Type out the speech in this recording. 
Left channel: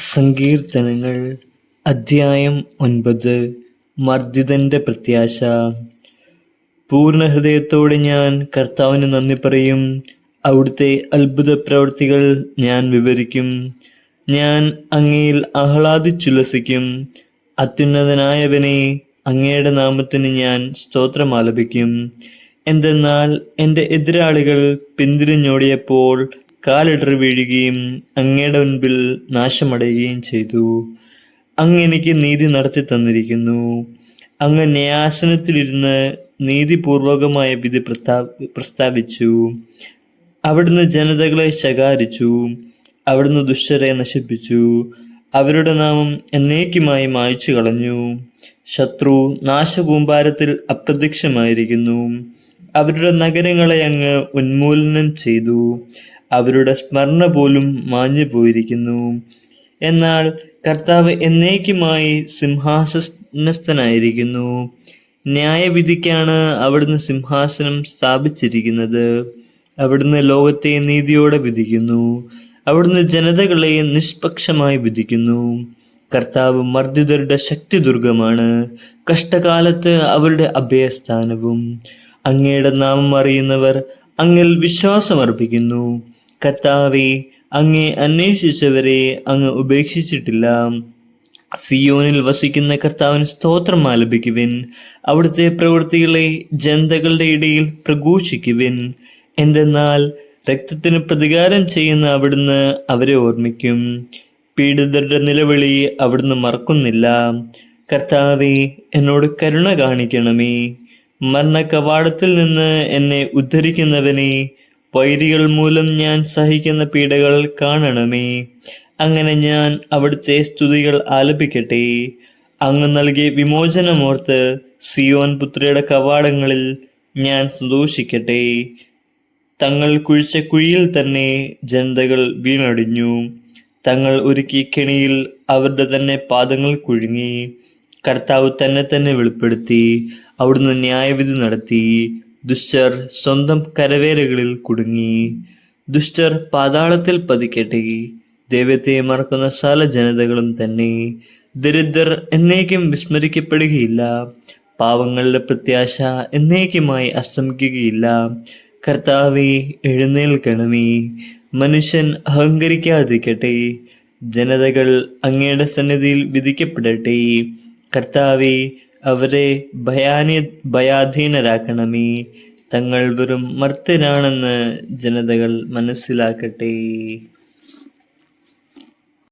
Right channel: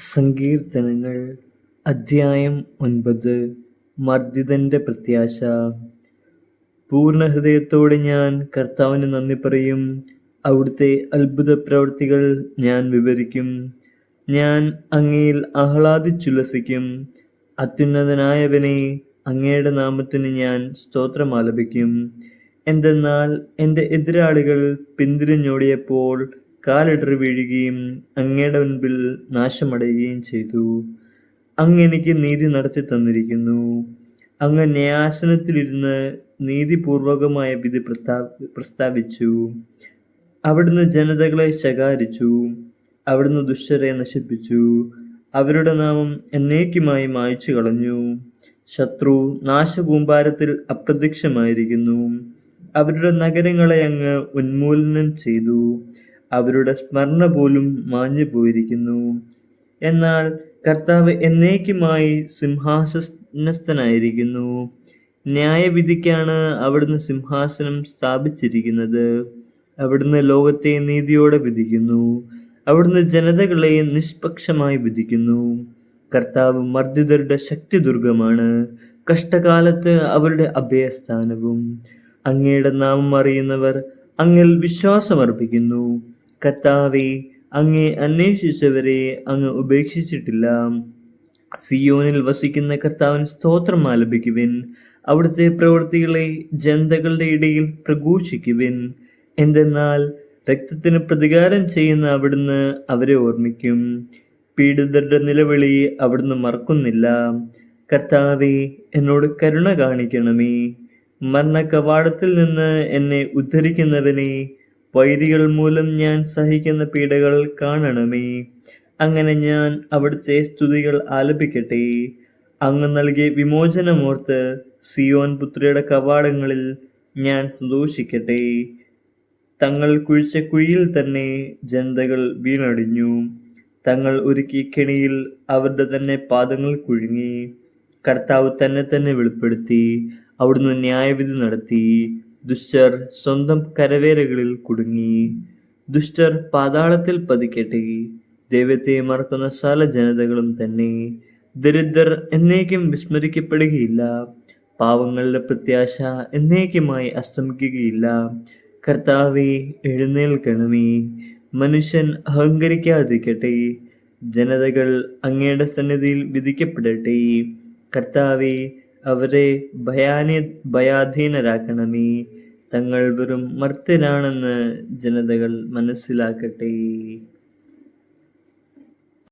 സങ്കീർത്തനങ്ങൾ അധ്യായം 9. മർദ്ദിതന്റെ പ്രത്യാശ. പൂർണ്ണ ഹൃദയത്തോടെ ഞാൻ കർത്താവിന് നന്ദി പറയും. അവിടുത്തെ അത്ഭുത പ്രവൃത്തികൾ ഞാൻ വിവരിക്കും. ഞാൻ അങ്ങയിൽ ആഹ്ലാദിച്ചുല്ലസിക്കും. അത്യുന്നതനായവനെ, അങ്ങയുടെ നാമത്തിന് ഞാൻ സ്തോത്രമാലപിക്കും. എന്തെന്നാൽ എൻ്റെ എതിരാളികൾ പിന്തിരിഞ്ഞോടിയപ്പോൾ കാലിടറി വീഴുകയും അങ്ങയുടെ മുൻപിൽ നാശമടയുകയും ചെയ്തു. അങ്ങ് എനിക്ക് നീതി നടത്തി തന്നിരിക്കുന്നു. അങ്ങ് ന്യായാസനത്തിലിരുന്ന് നീതിപൂർവകമായ വിധി പ്രസ്താവിച്ചു. അവിടുന്ന് ജനതകളെ ശകാരിച്ചു. അവിടുന്ന് ദുഷ്ടരെ നശിപ്പിച്ചു. അവരുടെ നാമം എന്നേക്കുമായി മായ്ച്ചു കളഞ്ഞു. ശത്രു നാശകൂമ്പാരത്തിൽ അപ്രത്യക്ഷമായിരിക്കുന്നു. അവരുടെ നഗരങ്ങളെ അങ്ങ് ഉന്മൂലനം ചെയ്തു. അവരുടെ സ്മരണ പോലും മാഞ്ഞു പോയിരിക്കുന്നു. എന്നാൽ കർത്താവ് എന്നേക്കുമായി സിംഹാസനസ്ഥനായിരിക്കുന്നു. ന്യായവിധിക്കാണ് അവിടുന്ന് സിംഹാസനം സ്ഥാപിച്ചിരിക്കുന്നത്. അവിടുന്ന് ലോകത്തെ നീതിയോടെ വിധിക്കുന്നു. അവിടുന്ന് ജനതകളെ നിഷ്പക്ഷമായി വിധിക്കുന്നു. കർത്താവ് മർദ്ദിതരുടെ ശക്തിദുർഗമാണ്, കഷ്ടകാലത്ത് അവരുടെ അഭയസ്ഥാനവും. അങ്ങയുടെ നാമം അറിയുന്നവർ അങ്ങിൽ വിശ്വാസമർപ്പിക്കുന്നു. കർത്താവെ, അങ്ങേ അന്വേഷിച്ചവരെ അങ്ങ് ഉപേക്ഷിച്ചിട്ടില്ല. സിയോനിൽ വസിക്കുന്ന കർത്താവിന് സ്തോത്രം ആലപിക്കുവിൻ. അവിടുത്തെ പ്രവൃത്തികളെ ജനതകളുടെ ഇടയിൽ പ്രഘോഷിക്കുവിൻ. എന്തെന്നാൽ രക്തത്തിന് പ്രതികാരം ചെയ്യുന്ന അവിടുന്ന് അവരെ ഓർമ്മിക്കും. പീഡിതരുടെ നിലവിളി അവിടുന്ന് മറക്കുന്നില്ല. കർത്താവെ, എന്നോട് കരുണ കാണിക്കണമേ. മരണ കവാടത്തിൽ നിന്ന് എന്നെ ഉദ്ധരിക്കുന്നവനെ, വൈരികൾ മൂലം ഞാൻ സഹിക്കുന്ന പീഡകൾ കാണണമേ. അങ്ങനെ ഞാൻ അവിടുത്തെ സ്തുതികൾ ആലപിക്കട്ടെ. അങ്ങ് നൽകിയ വിമോചനമോർത്ത് സിയോൻ പുത്രിയുടെ കവാടങ്ങളിൽ ഞാൻ സന്തോഷിക്കട്ടെ. തങ്ങൾ കുഴിച്ച കുഴിയിൽ തന്നെ ജനതകൾ വീണടിഞ്ഞു. തങ്ങൾ ഒരുക്കിയ കെണിയിൽ അവരുടെ തന്നെ പാദങ്ങൾ കുഴുങ്ങി. കർത്താവ് തന്നെ വെളിപ്പെടുത്തി. അവിടുന്ന് ന്യായവിധി നടത്തി. ദുഷ്ടർ സ്വന്തം കരവേലകളിൽ കുടുങ്ങി. ദുഷ്ടർ പാതാളത്തിൽ പതിക്കട്ടെ. ദൈവത്തെ മറക്കുന്ന സകല ജനതകളും തന്നെ. ദരിദ്രർ എന്നേക്കും വിസ്മരിക്കപ്പെടുകയില്ല. പാവങ്ങളുടെ പ്രത്യാശ എന്നേക്കുമായി അസ്തമിക്കുകയില്ല. കർത്താവെ, എഴുന്നേൽക്കണമേ. മനുഷ്യൻ അഹങ്കരിക്കാതിരിക്കട്ടെ. ജനതകൾ അങ്ങയുടെ സന്നിധിയിൽ വിധിക്കപ്പെടട്ടെ. കർത്താവെ, അവരെ ഭയാധീനരാക്കണമേ. തങ്ങൾ വെറും മർത്യരാണെന്ന് ജനതകൾ മനസ്സിലാക്കട്ടെ.